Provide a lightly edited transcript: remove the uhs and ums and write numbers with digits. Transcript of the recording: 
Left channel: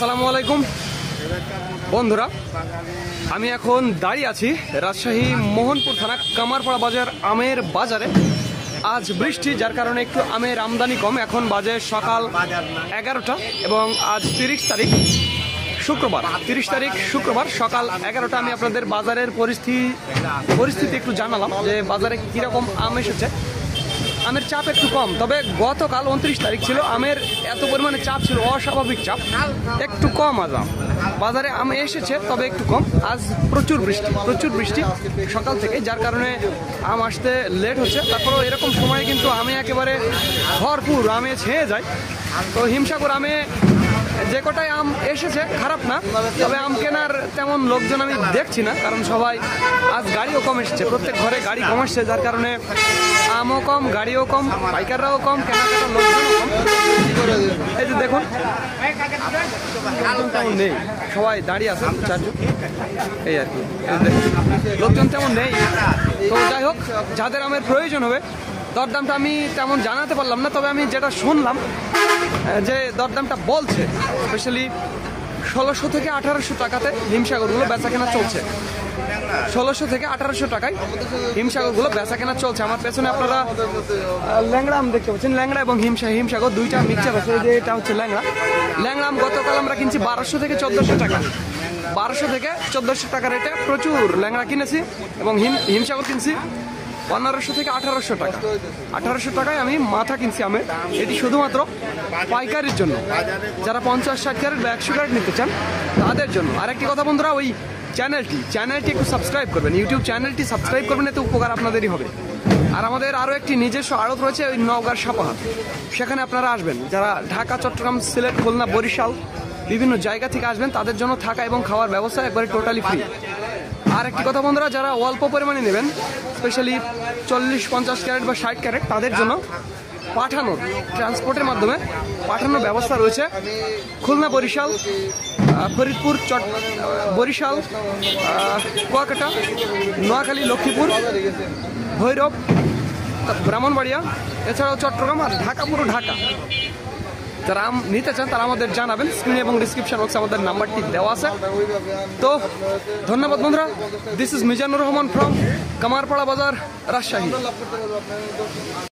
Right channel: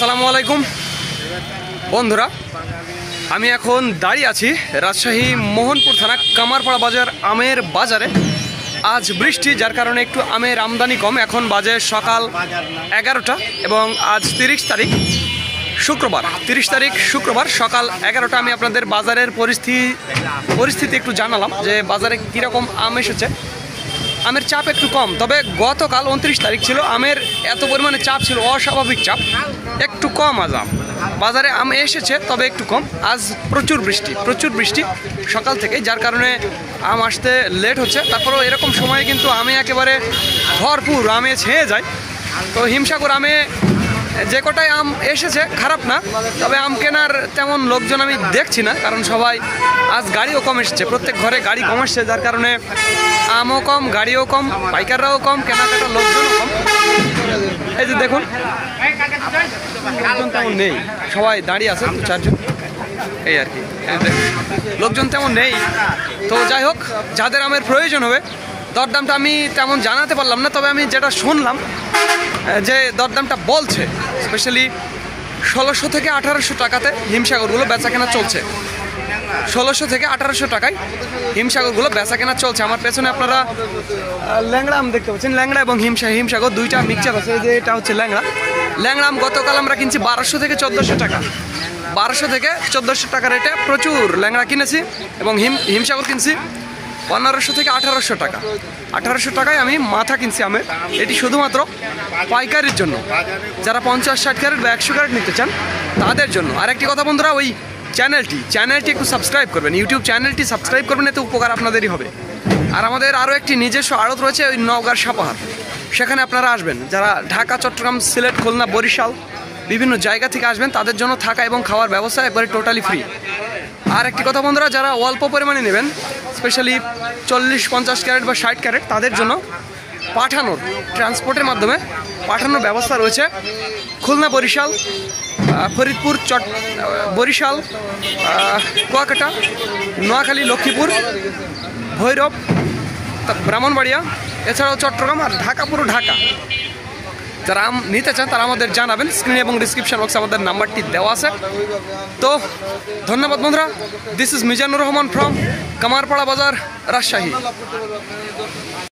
আসসালামু আলাইকুম বন্ধুরা, আমি এখন দাঁড়িয়ে আছি রাজশাহী মোহনপুর থানা কামারপাড়া বাজার আমের বাজারে। আজ বৃষ্টি, যার কারণে একটু আমের আমদানি কম। এখন বাজে সকাল 11টা এবং আজ 30 তারিখ শুক্রবার, 30 তারিখ শুক্রবার সকাল 11টা। আমি আপনাদের বাজারের পরিস্থিতি একটু জানালাম যে বাজারে কীরকম আম এসেছে। আমের চাপ একটু কম, তবে গতকাল 29 তারিখ ছিল, আমের এত পরিমাণে চাপ ছিল, অস্বাভাবিক চাপ, একটু কম আজ আম বাজারে আম এসেছে, তবে একটু কম। আজ প্রচুর বৃষ্টি সকাল থেকে, যার কারণে আম আসতে লেট হচ্ছে। তারপরেও এরকম সময়ে কিন্তু আমে একেবারে ভরপুর, আমে ছেয়ে যায়। তো হিমসাগর আমে যে কটায় আম এসেছে খারাপ না, তবে আম কেনার তেমন লোকজন আমি দেখছি না, কারণ সবাই আজ গাড়িও কম এসেছে, প্রত্যেক ঘরে গাড়ি কম আসছে, যার কারণে আমও কম, গাড়িও কম, পাইকাররাও কম, কেনাকাটার লোকজনও কম। এই যে দেখুন, লোকজন তেমন নেই, সবাই দাঁড়িয়ে আছে চারজন, এই আর কি। লোকজন তেমন নেই। তো যাই হোক, যাদের আমের প্রয়োজন হবে, দরদামটা আমি তেমন জানাতে পারলাম না, তবে আমি যেটা শুনলাম যে দরদামটা বলছে স্পেশালি 1600 থেকে 1800 টাকাতে হিমসাগরগুলো বেচা কেনা চলছে। 1600 থেকে 1800 টাকায় হিমসাগরগুলো বেচা কেনা চলছে। আমার পেছনে আপনারা ল্যাংড়া আম দেখতে পাচ্ছেন, ল্যাংড়া এবং হিমসাগর দুইটা মিক্সচার আছে। যে এটা হচ্ছে ল্যাংড়া আম গতকাল আমরা কিনছি 1200 থেকে 1400 টাকা, 1200 থেকে 1400 টাকা রেটে প্রচুর ল্যাংড়া কিনেছি, এবং হিমসাগর কিনছি 1500 থেকে 1800 টাকা। 1800 টাকায় আমি মাথা কিনছি আমের। এটি শুধুমাত্র পাইকারির জন্য, যারা 50-60 ক্যারেট বা 100 ক্যারেট নিতে চান তাদের জন্য। আরেকটি কথা বন্ধুরা, ওই চ্যানেলটি একটু সাবস্ক্রাইব করবেন, ইউটিউব চ্যানেলটি সাবস্ক্রাইব করবেন, এতে উপকার আপনাদেরই হবে। আর আমাদের আরও একটি নিজস্ব আড়ত রয়েছে ওই নওগাঁর সাপাহার, সেখানে আপনারা আসবেন। যারা ঢাকা, চট্টগ্রাম, সিলেট, খুলনা, বরিশাল বিভিন্ন জায়গা থেকে আসবেন, তাদের জন্য থাকা এবং খাওয়ার ব্যবস্থা একবারে টোটালি ফ্রি। আর একটি কথা বন্ধুরা, যারা অল্প পরিমাণে নেবেন, স্পেশালি 40-50 ক্যারেট বা 60 ক্যারেট, তাদের জন্য ট্রান্সপোর্টের মাধ্যমে পাঠানোর ব্যবস্থা রয়েছে। খুলনা, বরিশাল, ফরিদপুর, বরিশাল, কুয়াকাটা, নোয়াখালী, লক্ষ্মীপুর, ভৈরব, ব্রাহ্মণবাড়িয়া, এছাড়াও চট্টগ্রাম আর ঢাকা, পুরো ঢাকা। যারা আম নিতে চান তারা আমাদের জানাবেন, স্ক্রিনে এবং ডিসক্রিপশন বক্সে আমাদের নাম্বারটি দেওয়া আছে। তো ধন্যবাদ বন্ধুরা, this is Mizanur Rahman from Kamarpara বাজার, রাজশাহী।